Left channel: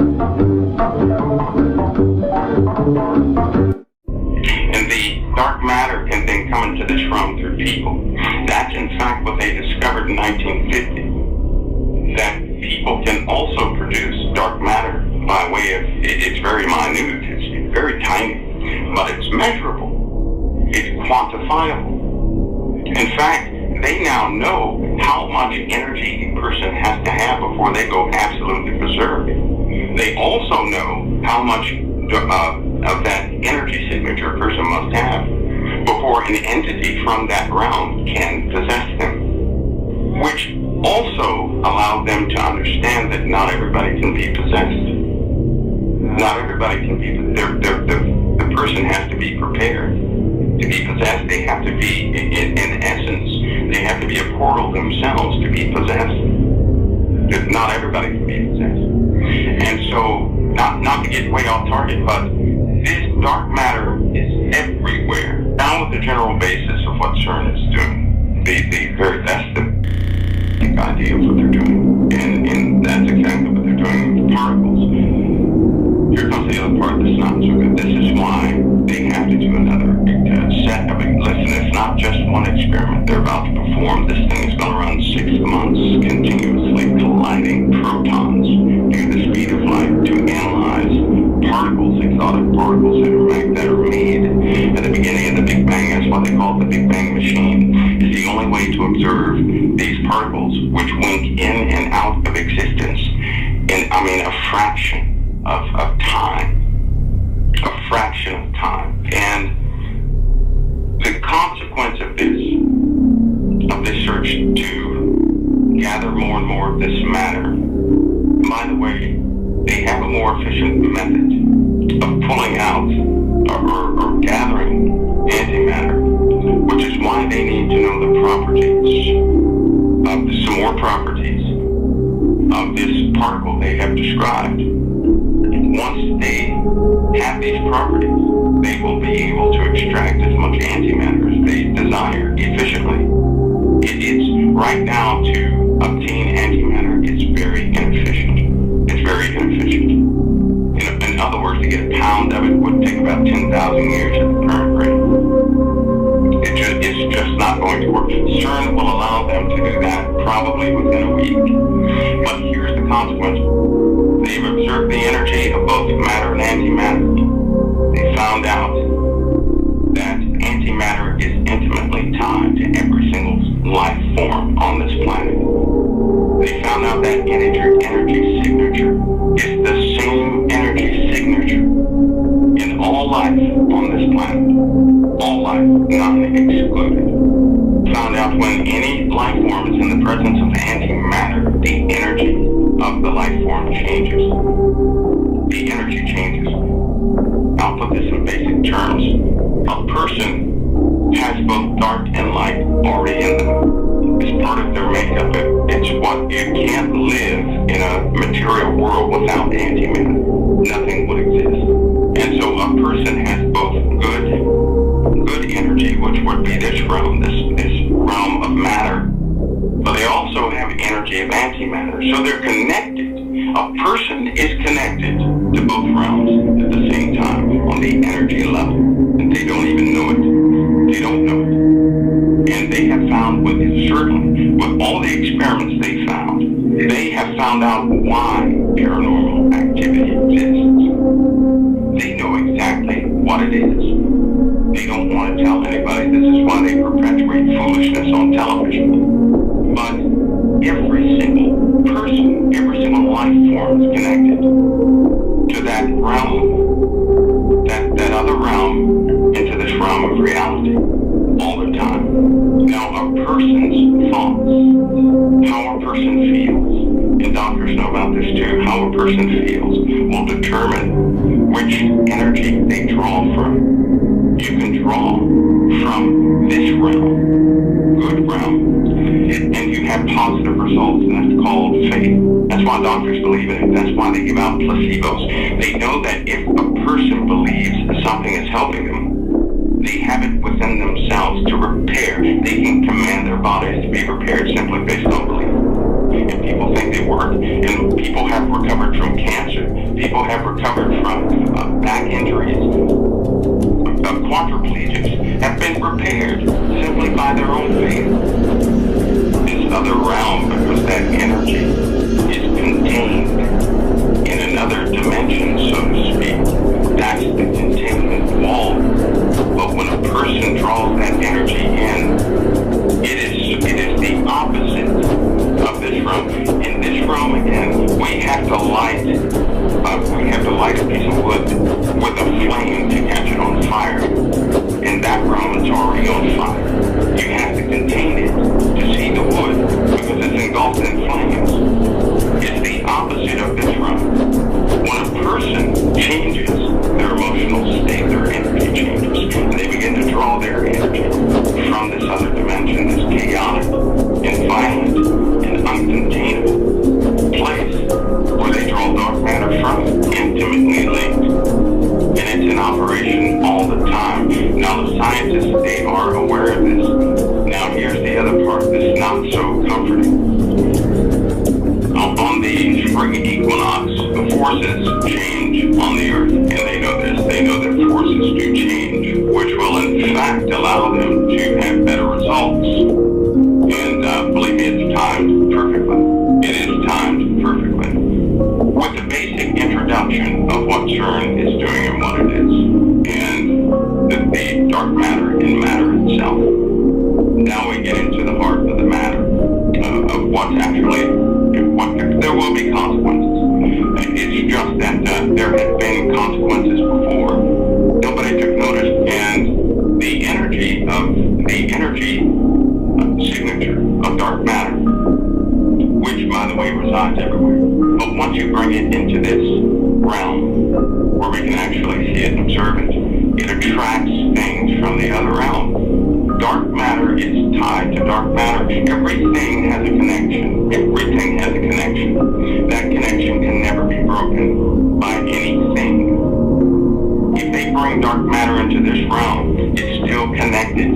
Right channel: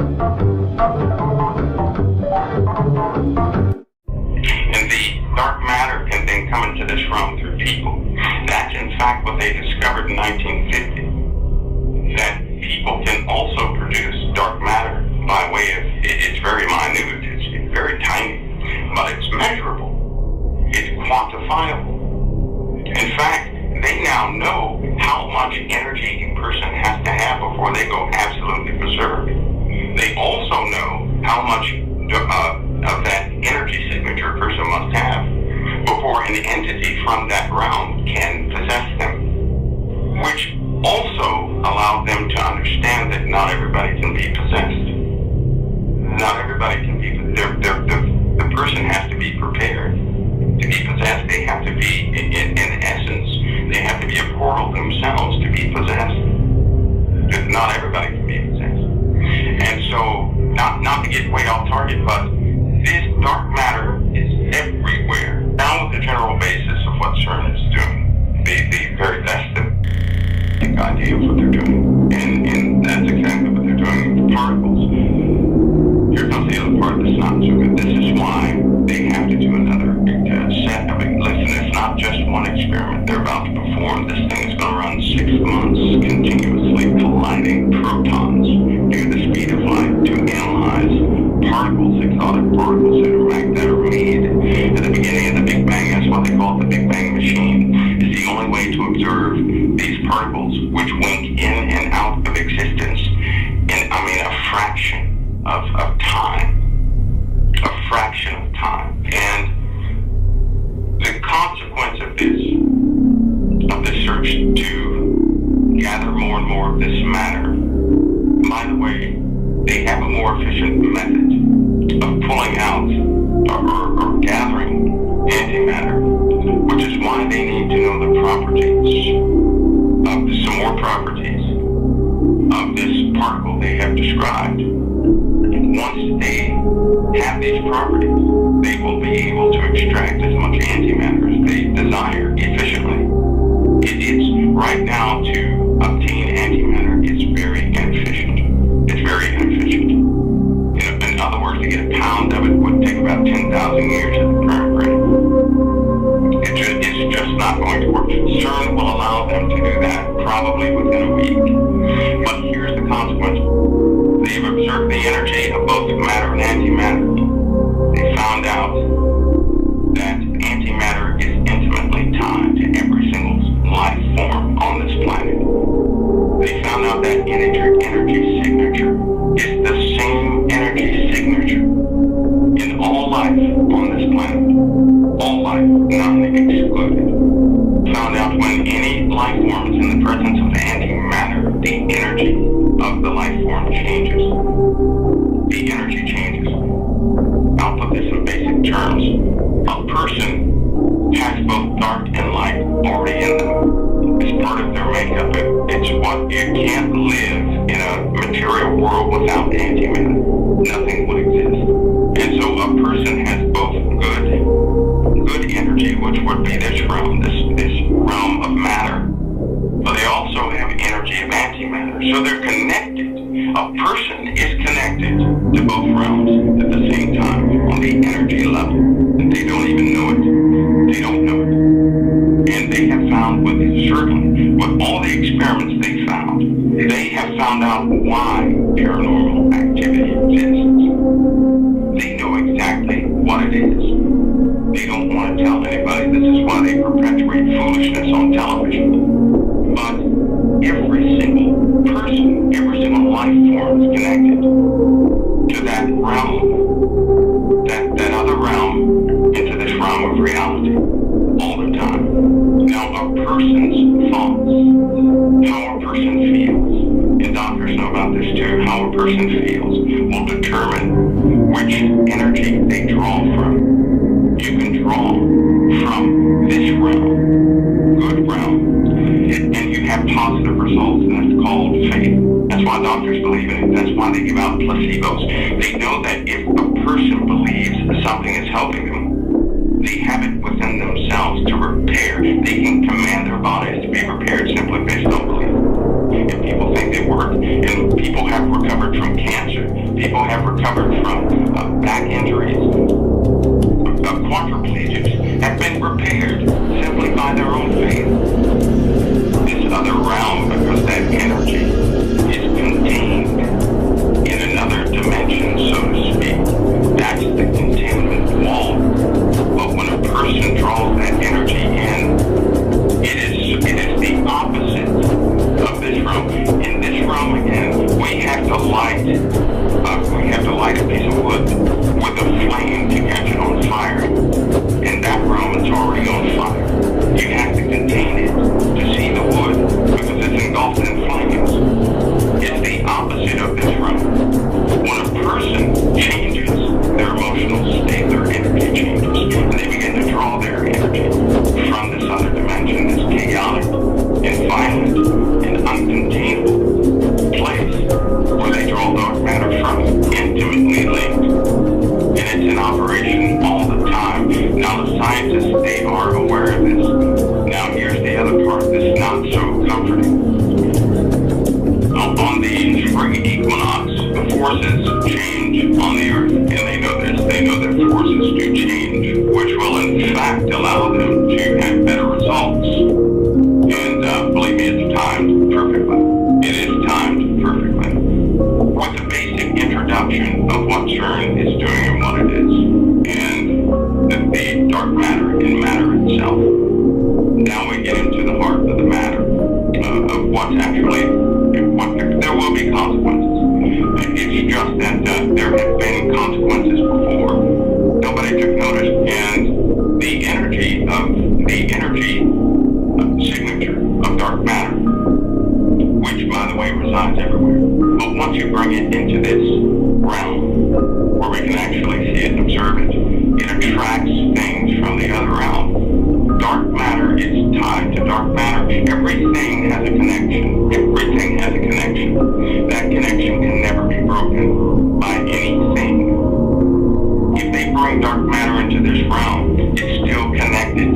And the dark matter can then come into this realm through people. That's in fact what they discovered in 1950, that people can also produce dark matter by way of, it's very minute, it's very tiny, but it's measurable, it's quantifiable. In fact, they now know how much energy a person has to have before they go absolutely berserk. They also know how much of that energy signature a person must have before an entity from that realm can possess them, which also allowed them to understand that not everybody can be possessed. Not everybody can be, the person has to be prepared. To be possessed, they have to be, in essence, they have to be a portal themselves to be possessed. Not everybody can be possessed. And so, not to get way off target, but this dark matter is everywhere. Down with the general basis of what Cern is doing. That's the big idea of what they're doing. And that's exactly what they're doing with the particles. Here comes the other part that's not so good. This is why they have to do another set of it. Listen, it's not just one experiment they're about to perform. This thing is going to run 6 months continuously colliding protons near the speed of light to analyze particles, exotic particles that are made at the beginning of the Big Bang. That's why they call it the Big Bang machine. It's the only way to observe these particles, which wink in and out of existence in, a fraction of time. A fraction of time. And the consequence of this search to gather more and more of this matter, by the way, they have a more efficient method of pulling out or gathering antimatter, which is why they need to know the properties of some more properties of this particle they have described. Once they have these properties, they will be able to extract as much antimatter as they desire efficiently. It's right now to obtain antimatter is very inefficient. It's very inefficient. In other words, to get a pound of it would take about 10,000 years at the current rate. It's just not going to work. Cern will allow them to do that probably within a week. But here's the consequence. They've observed the energy of both matter and antimatter. They found out that antimatter is intimately tied to every single life form on this planet. They found out that energy signature is the same energy signature in all life on this planet. All life, none excluded. Found out when any life form is in the presence of antimatter, the energy of the life form changes. The energy changes. I'll put this in basic terms. A person has both dark and light already in them. It's part of their makeup. It's what you can't live in a material world without antimatter. Nothing would exist. And so a person has both good energy, which would be this realm, this realm of matter, but they also have energy of antimatter. So they're connected. A person is connected to both realms at the same time on the energy level, and they don't even know it. They don't know it. And they have found, with all the experiments they have found out why paranormal activity exists. They know exactly what it is. They don't want to tell anybody. This is why they perpetuate foolishness on television. But every single person, every single life form is connected to that realm, that other realm, into this realm of reality all the time. Now, a person's thoughts, how a person feels, and doctors know about this too, how a person feels will determine which energy they draw from. You can draw from this realm, good realm, and you have positive results, and that's called faith. That's why doctors believe in it. That's why they give out placebos. They know that if a person believes something is helping them, they have it within themselves to repair. They can command their bodies to be repaired simply based on belief. And people think they work. And people have recovered from cancer People have recovered from back injuries. Quadriplegics have been repaired simply by their own faith. This other realm, because that energy is contained in another dimension, so to speak. That's the containment wall. But when a person draws that energy in, it is the opposite of this realm. In this realm, again, we have to light a piece of wood with a flame to catch it on fire. In that realm, it's already on fire. You have to contain it to see the wood because it's engulfed in flames. It's the opposite of this realm. When a person changes their emotional state, their energy changes, and they begin to draw their energy from this other dimension, this chaotic and violent and uncontainable place where they draw dark matter from, intimately linked. And it's in operation all the time. Now, the scientists, they are aware of this. Now, here's the other part that's not so comforting. On the spring equinox, the forces change on the Earth, and they know this. They know that forces do change, which will, in fact, allow them to have better results. And believe me, it's timed perfectly. It is timed perfectly. With the basic introduction of what Cern is doing and what it is, and the dark matter and matter itself, now we get into the heart of the matter, of what's actually, there will be consequences. It's just that there have been consequences before. Nobody took notice, and the energy signature of dark matter, which, by the way, resides everywhere. But once you bring it into this realm, where we can actually see it and observe it, it attracts things from the other realm. Dark matter is tied to dark matter. Everything has a connection. Everything has a connection. That connection can never be broken by anything. If they bring dark matter into this realm, it's still connected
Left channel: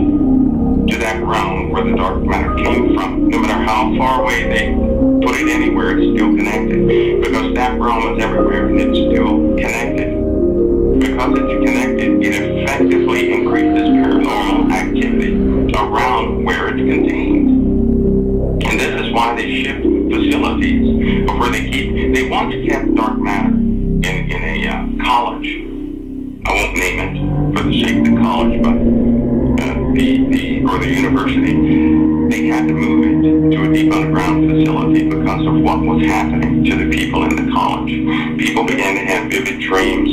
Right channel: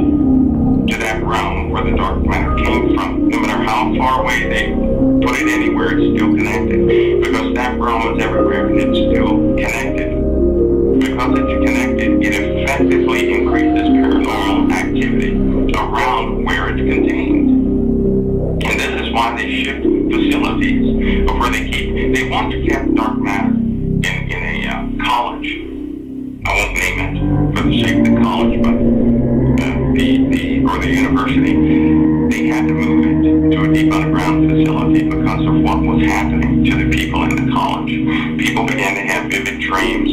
to that realm where the dark matter came from. No matter how far away they put it anywhere, it's still connected. Because that realm is everywhere and it's still connected. Because it's connected, it effectively increases paranormal activity around where it's contained. And this is why they shift facilities of where they once kept dark matter in a college. I won't name it for the sake of the college, but the university. They had to move it to a deep underground facility because of what was happening to the people in the college. People began to have vivid dreams,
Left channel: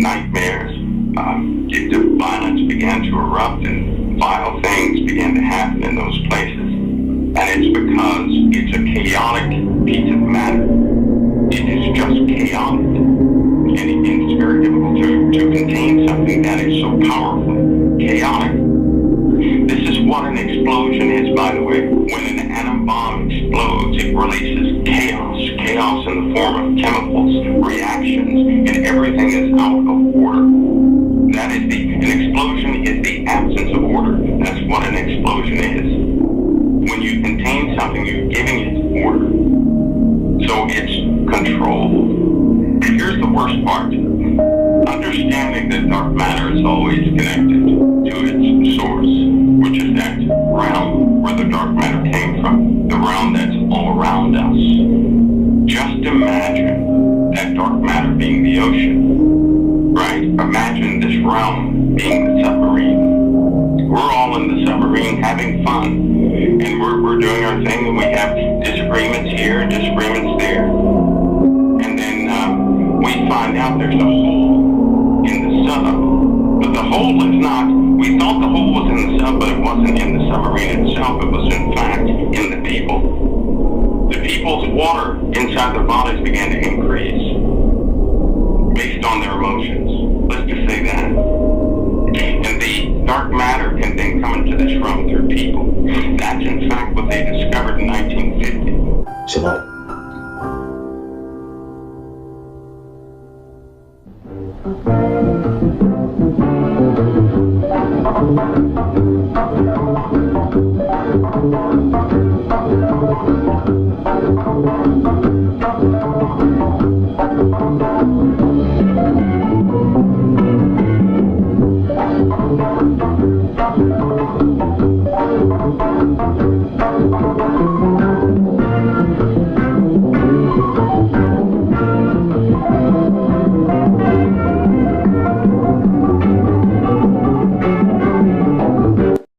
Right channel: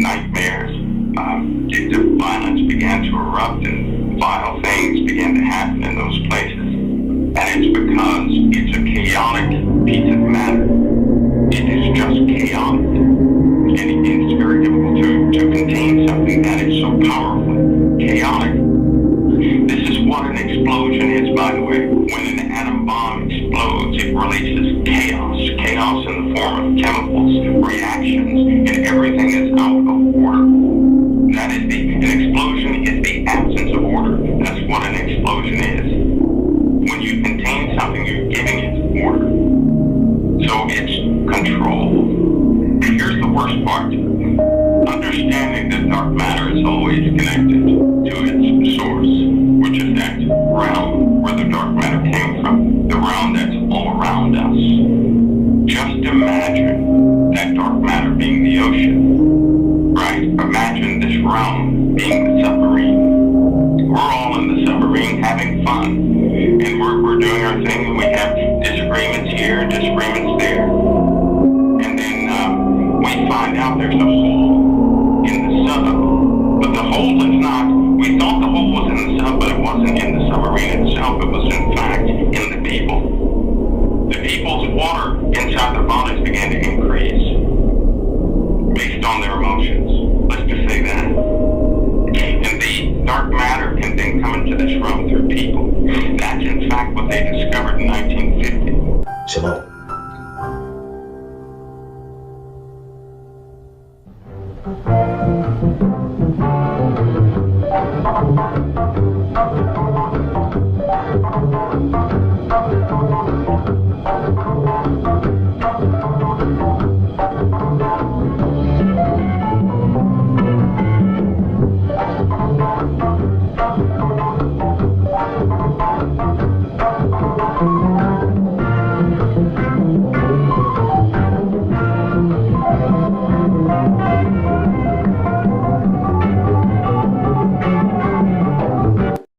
nightmares. The violence began to erupt and vile things began to happen in those places. And it's because it's a chaotic piece of matter. It is just chaotic. And it's very difficult to contain something that is so powerfully chaotic. This is what an explosion is, by the way. When an atom bomb explodes, it releases chaos. Chaos in the form of chemicals, reactions, and everything is out of order. That is an explosion is the absence of order. That's what an explosion is. When you contain something, you're giving it order. So it's controlled. Here's the worst part. Understanding that dark matter is always connected to its source, which is that realm where the dark matter came from, the realm that's all around us. Just imagine that dark matter being the ocean, right? Imagine this realm being the submarine. We're all in the submarine having fun, and we're doing our thing, and we have disagreements here, disagreements there. And then we find out there's a hole in the sub. But the hole is not, we thought the hole was in the sub, but it wasn't in the submarine itself. It was, in fact, in the people. The people's water inside their bodies began to increase based on their emotions. Let's just say that. And the dark matter can then come into this realm through people. That's, in fact, what they discovered in 1950. Shalom. you.